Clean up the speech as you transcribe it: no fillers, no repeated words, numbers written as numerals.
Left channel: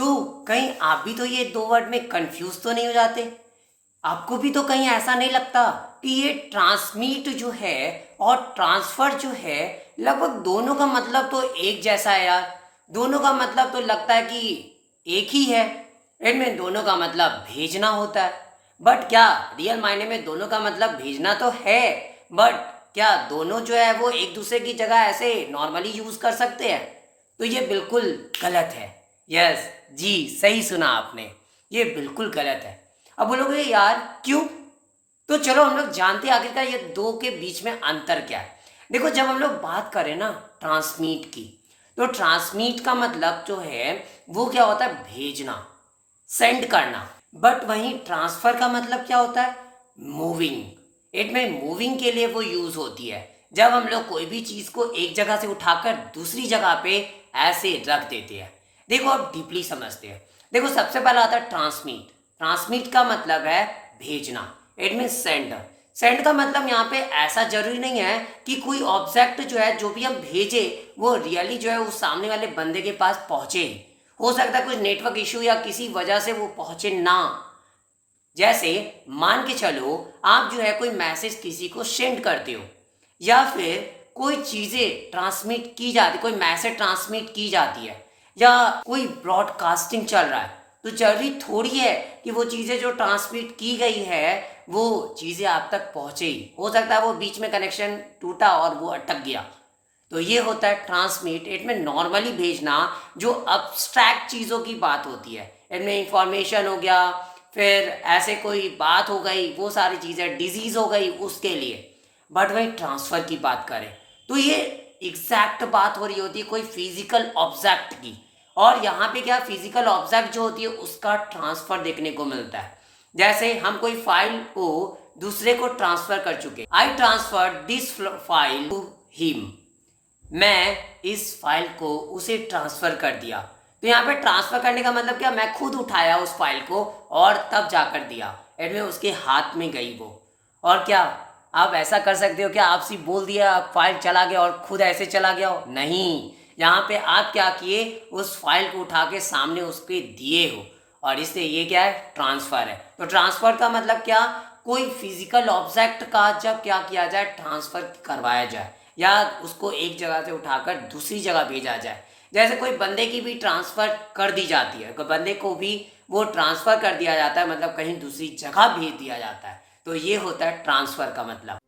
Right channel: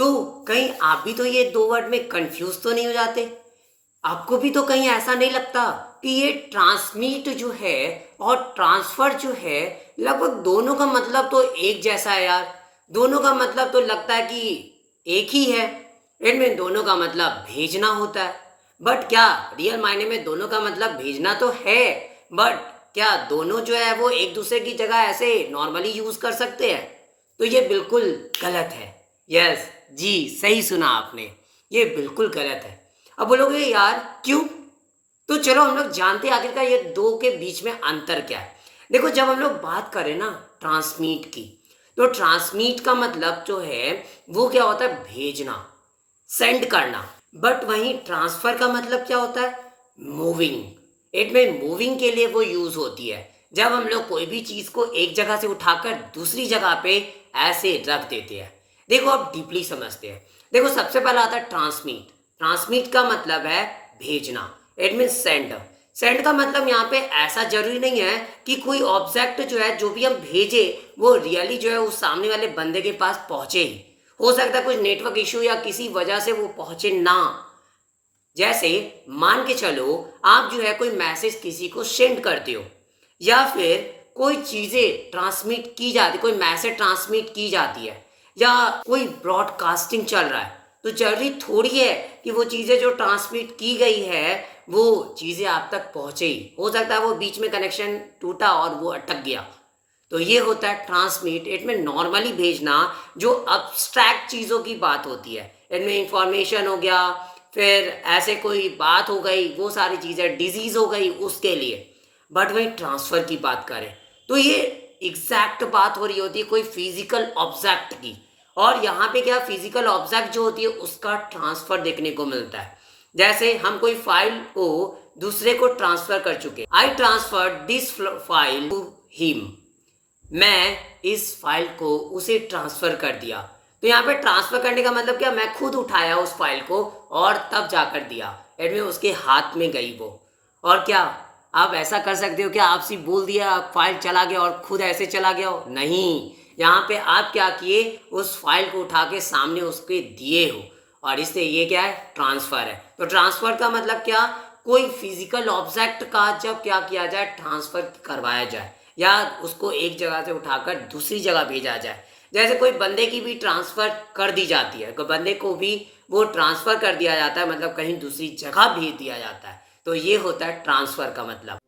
तो कहीं आप भी तो ये दो वर्ड में कंफ्यूज तो नहीं हो जाते? आपको भी तो कहीं ऐसा नहीं लगता कि ये ट्रांसमिट जो है और ट्रांसफर जो है लगभग दोनों का मतलब तो एक जैसा है यार। दोनों का मतलब तो लगता है कि एक ही है। इनमें दोनों का मतलब भेजना होता है। बट क्या रियल मायने में दोनों का मतलब भेजना तो है, बट क्या दोनों जो है वो एक दूसरे की जगह ऐसे नॉर्मली यूज कर सकते हैं? तो ये बिल्कुल गलत है। यस, जी सही सुना आपने, ये बिल्कुल गलत है। अब बोलोगे यार क्यों? तो चलो हम लोग जानते हैं आखिरकार ये दो के बीच में अंतर क्या है। देखो, जब हम लोग बात करें ना ट्रांसमीट की, तो ट्रांसमीट का मतलब जो है वो क्या होता है? भेजना, सेंड करना। बट वहीं ट्रांसफर का मतलब क्या होता है? मूविंग। इट में मूविंग के लिए वो यूज होती है जब हम लोग कोई भी चीज को एक जगह से उठाकर दूसरी जगह पे ऐसे रख देते हैं। देखो अब डीपली समझते हैं। देखो, सबसे पहला आता है ट्रांसमीट। ट्रांसमिट का मतलब है भेजना, इट मीन सेंड। सेंड का मतलब यहाँ पे ऐसा जरूरी नहीं है कि कोई ऑब्जेक्ट जो है, जो भी हम भेजे वो रियली जो है उस सामने वाले बंदे के पास पहुंचे ही। हो सकता है कुछ नेटवर्क इशू या किसी वजह से वो पहुंचे ना। जैसे मान के चलो आप जो है कोई मैसेज किसी को सेंड करते हो, या फिर कोई चीजें ट्रांसमिट की जाती, कोई मैसेज ट्रांसमिट की जाती है, या कोई ब्रॉडकास्टिंग चल रहा है, तो जरूरी थोड़ी है कि वो चीजें जो ट्रांसमिट की गई है वो चीजें आप तक पहुंचे ही। हो सकता है वो बीच में कनेक्शन टूटा और वो अटक गया। तो ये होता है ट्रांसमिट। इनमें नॉर्मली भेजना जो अब्स्ट्रैक्ट चीज़ों की बात होती है, इनमें इंफॉर्मेशन हो गया, फिर ऐसे कोई बात हो गई, वो सारी चीज़ें, डिजीज हो गई उसके लिए। बट वही ट्रांसफ़र की बात करें तो ये एग्जैक्ट बात हो रही होती है कोई फिजिकल ऑब्जेक्ट की। और यहाँ पे क्या, फिजिकल ऑब्जेक्ट जो होती है उसका ट्रांसफ़र देखने को मिलता है। जैसे हम कोई फाइल को दूसरे को ट्रांसफर कर चुके, I transfer this file to him. मैं इस फाइल को उसे ट्रांसफ़र कर दिया। तो यहाँ पे ट्रांसफ़र करने का मतलब क्या, मैं खुद उठाया उस फाइल को और तब जाकर दिया, एडमें उसके हाथ में गई वो। और क्या आप ऐसा कर सकते हो क्या, आप सिर्फ बोल दिया फाइल चला गया और खुद ऐसे चला गया हो? नहीं, यहाँ पे आप क्या किए, उस फाइल को उठा के सामने उसके दिए हो, और इससे ये क्या है, ट्रांसफ़र है। तो ट्रांसफ़र का मतलब क्या, कोई फिजिकल ऑब्जेक्ट का जब क्या किया जाए, ट्रांसफ़र करवाया जाए या उसको एक जगह से उठाकर दूसरी जगह भेजा जाए। जैसे कोई बंदे की भी ट्रांसफ़र कर दी जाती है, कोई बंदे को भी वो ट्रांसफ़र कर दिया जाता है, मतलब कहीं दूसरी जगह भेज दिया जाता है। तो ये होता है ट्रांसफ़र का मतलब।